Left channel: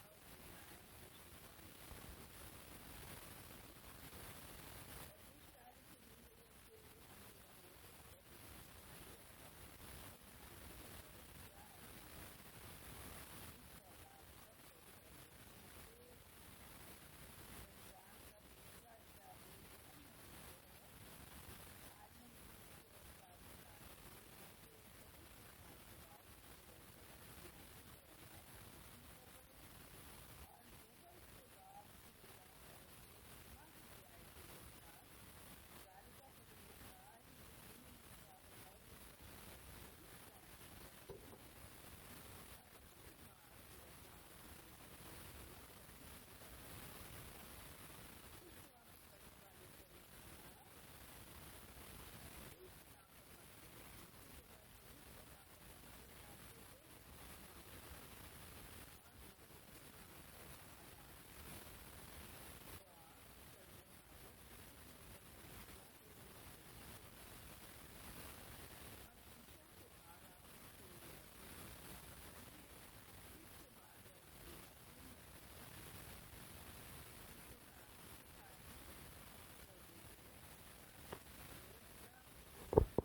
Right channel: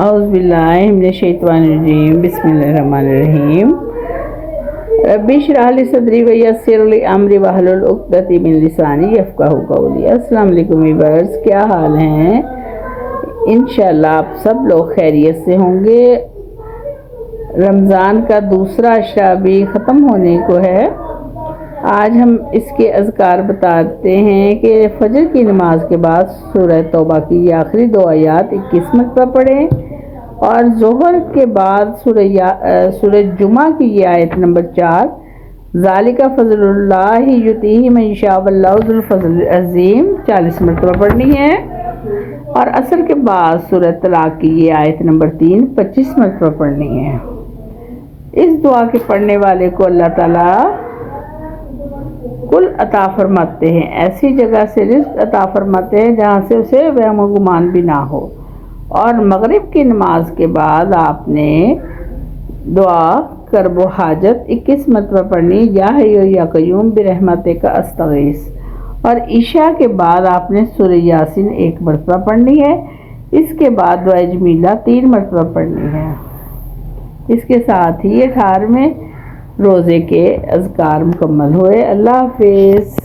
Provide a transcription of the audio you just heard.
اعوذ باللہ من الشیطان الرجیم بسم اللہ الرحمن الرحیم رب اشرح لی صدری ویسر لی امری واحلل عقدۃ من لسانی یفقہوا قولی۔ السلام علیکم ویورز، کیا حال ہیں؟ انشاءاللہ آپ سب لوگ خیریت سے ہوں گے۔ رمضان کا دوسرا عشرہ بھی ختم ہونے کو ہے۔ آج ہم اس کے اذکار بتاتے ہیں کہ فجر کی نماز کے بعد سورہ توبہ کی یہ آخری 2 آیات 21 مرتبہ پڑھیں، اور ظہر کے بعد سورہ جمعہ کی یہ آیت نمبر 4 ذالک فضل اللہ یؤتیہ من یشاء واللہ ذو الفضل العظیم 40 مرتبہ پڑھنی ہے، اور عصر کے بعد سورہ طلاق کی یہ آیت نمبر 3 25 مرتبہ پڑھنی ہے۔ اس دعا کے پڑھنے والے کو اللہ تعالیٰ کل عطا فرماتے ہیں، ایسی جگہ سے رزق عطا فرماتے ہیں جہاں سے اسے وہم و گمان بھی نہ ہو۔ اور مغرب کی نماز کے بعد آپ نے دعا کرب و حاجت 21 مرتبہ پڑھنی، یا حی یا قیوم برحمتک استغیث، اور عشاء کے بعد آپ نے سورہ یاسین 1 مرتبہ پڑھنی ہے۔ اس کے بعد دعائے جمیلہ 3 مرتبہ پڑھنی ہے۔ اس کے ساتھ ہی 18ویں روزے کے اذکار مکمل ہوئے۔ اللہ حافظ۔